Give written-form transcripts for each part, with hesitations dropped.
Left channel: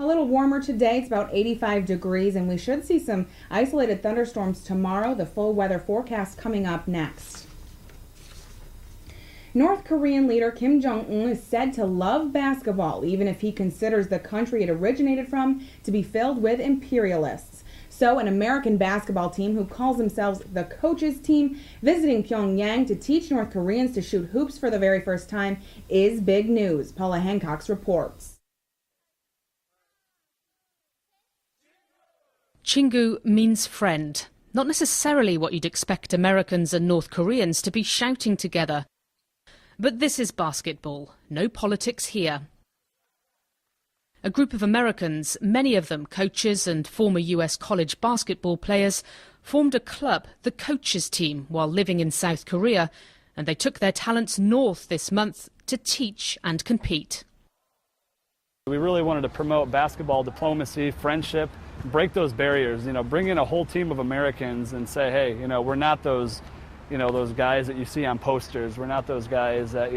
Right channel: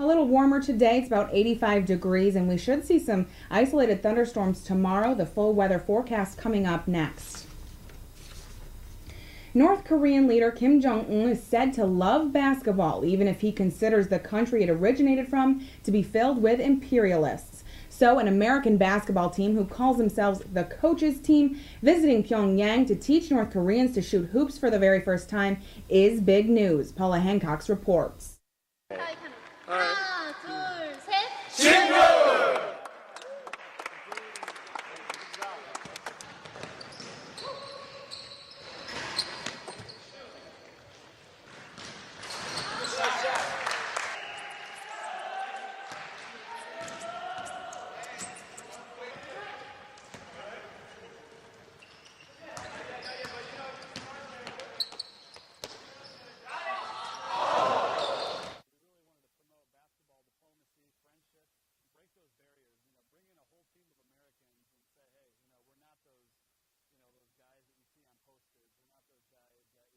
A little warmer today. It's about 85 degrees, and we should see some isolated thunderstorms tomorrow. The full weather forecast coming up next. North Korean leader Kim Jong-un is said to love basketball, even if he considers the country it originated from to be filled with imperialists. So an American basketball team who calls themselves the coaches team visiting Pyongyang to teach North Koreans to shoot hoops for the very first time is big news. Paula Hancock reports. Chingu means friend, not necessarily what you'd expect Americans and North Koreans to be shouting together. But this is basketball, no politics here. A group of Americans, many of them coaches and former US college basketball players, formed a club, the coaches team, while living in South Korea, and they took their talents north this month to teach and compete. We really wanted to promote basketball diplomacy, friendship, break those barriers, bring in a whole team of Americans and say, hey, we're not those, those guys that you see on posters. We're not those guys that,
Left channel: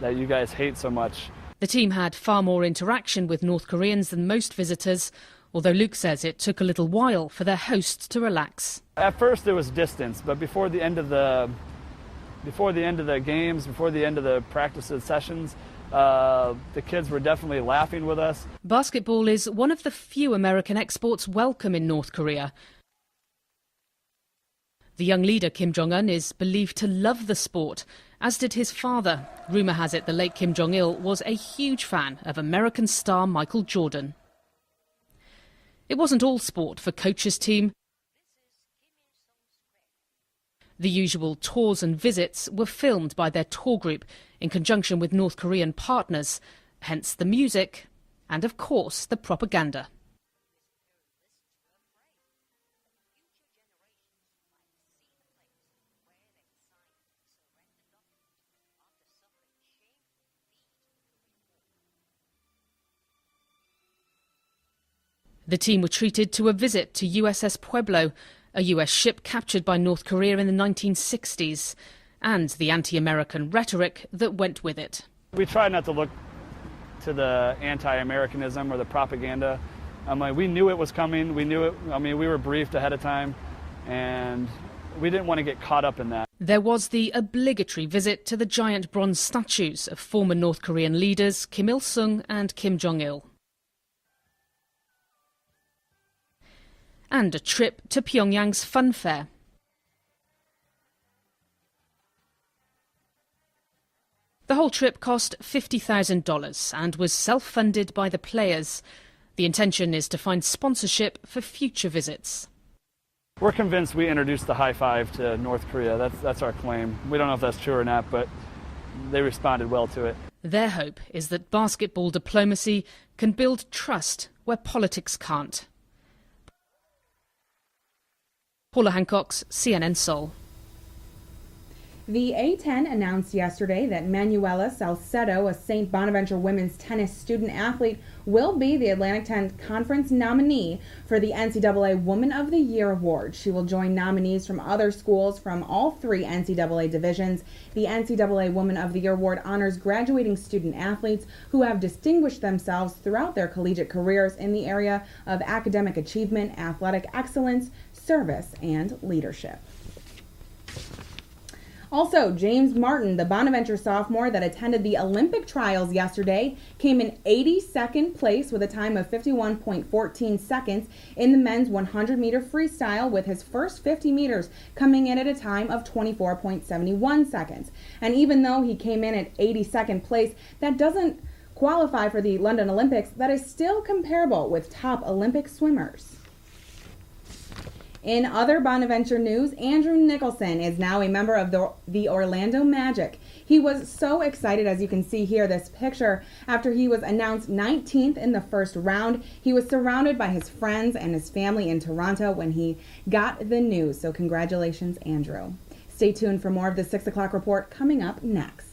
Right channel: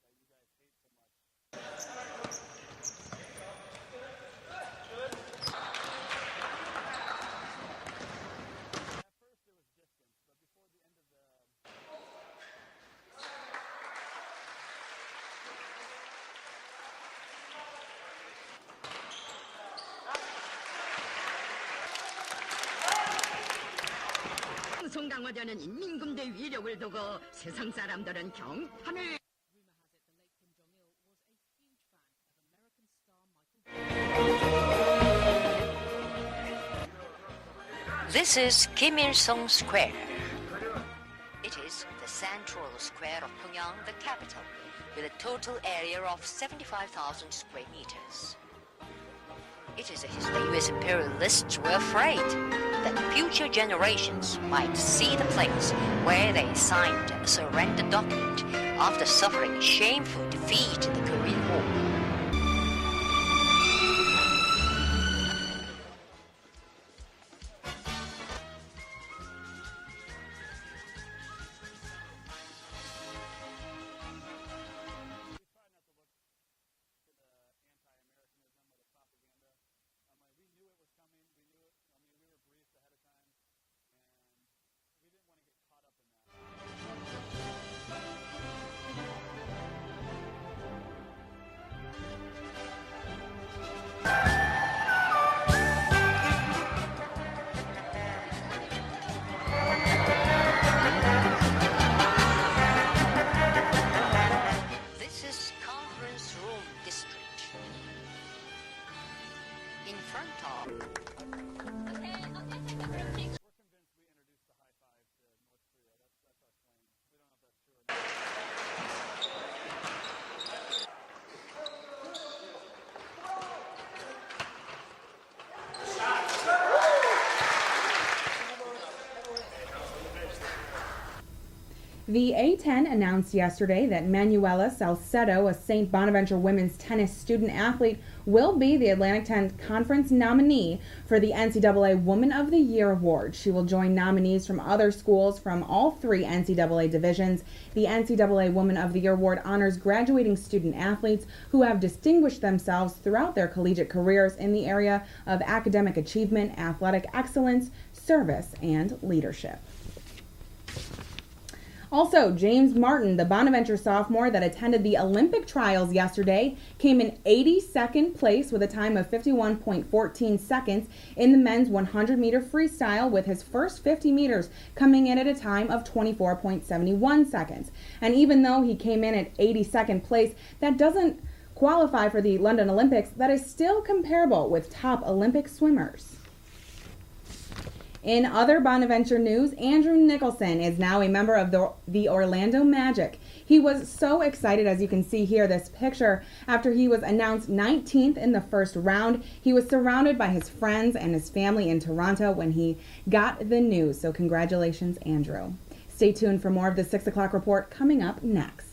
that you guys hate so much. The team had far more interaction with North Koreans than most visitors, although Luke says it took a little while for their host to relax. At first there was distance, but before the end of the games, before the end of the practices sessions, the kids were definitely laughing with us. Basketball is one of the few American exports welcome in North Korea. The young leader, Kim Jong-un, is believed to love the sport, as did his father. Rumour has it the late Kim Jong-il was a huge fan of American star Michael Jordan. It wasn't all sport for coach's team. This is Kim Il-sung Square. The usual tours and visits were filmed by their tour group in conjunction with North Korean partners, hence the music and, of course, the propaganda. The US imperialists were afraid that future generations might see the place where they signed a surrender document after suffering shameful defeat in the Korean War. The team were treated to a visit to USS Pueblo, a US ship captured by North Korea in the 1960s, and the anti-American rhetoric that went with it. We tried not to look to the anti-Americanism or the propaganda. We knew it was coming. We knew it. We were briefed ahead of time, and we didn't want to get caught up in that. There was the obligatory visit to the giant bronze statues of former North Korean leaders Kim Il-sung and Kim Jong-il. And a trip to Pyongyang's fun fair. The whole trip cost $50,000 and was self-funded by the players. The intention is to find sponsorship for future visits. We're convinced we introduced the high five to North Korea. That's our claim. We don't know if that's true or not, but they responded well to it. Their hope is that basketball diplomacy can build trust where politics can't. Paula Hancock, CNN Seoul. The A10 announced yesterday that Manuela Salcedo, a St. Bonaventure women's tennis student athlete, will be the Atlantic 10 Conference nominee for the NCAA Woman of the Year award. She will join nominees from other schools from all three NCAA divisions. The NCAA Woman of the Year award honors graduating student athletes who have distinguished themselves throughout their collegiate careers in the area of academic achievement, athletic excellence, service, and leadership. Also, James Martin, the Bonaventure sophomore that attended the Olympic trials yesterday, came in 82nd place with a time of 51.14 seconds in the men's 100-meter freestyle, with his first 50 meters coming in at a time of 24.71 seconds. And even though he came in at 82nd place, that doesn't qualify for the London Olympics. That is still comparable with top Olympic swimmers. In other Bonaventure news, Andrew Nicholson is now a member of the Orlando Magic. He was so excited, as you can see here, this picture, after he was announced 19th in the first round. He was surrounded by his friends and his family in Toronto when he got the news. So congratulations, Andrew. Stay tuned for more of the 6 o'clock report coming up next.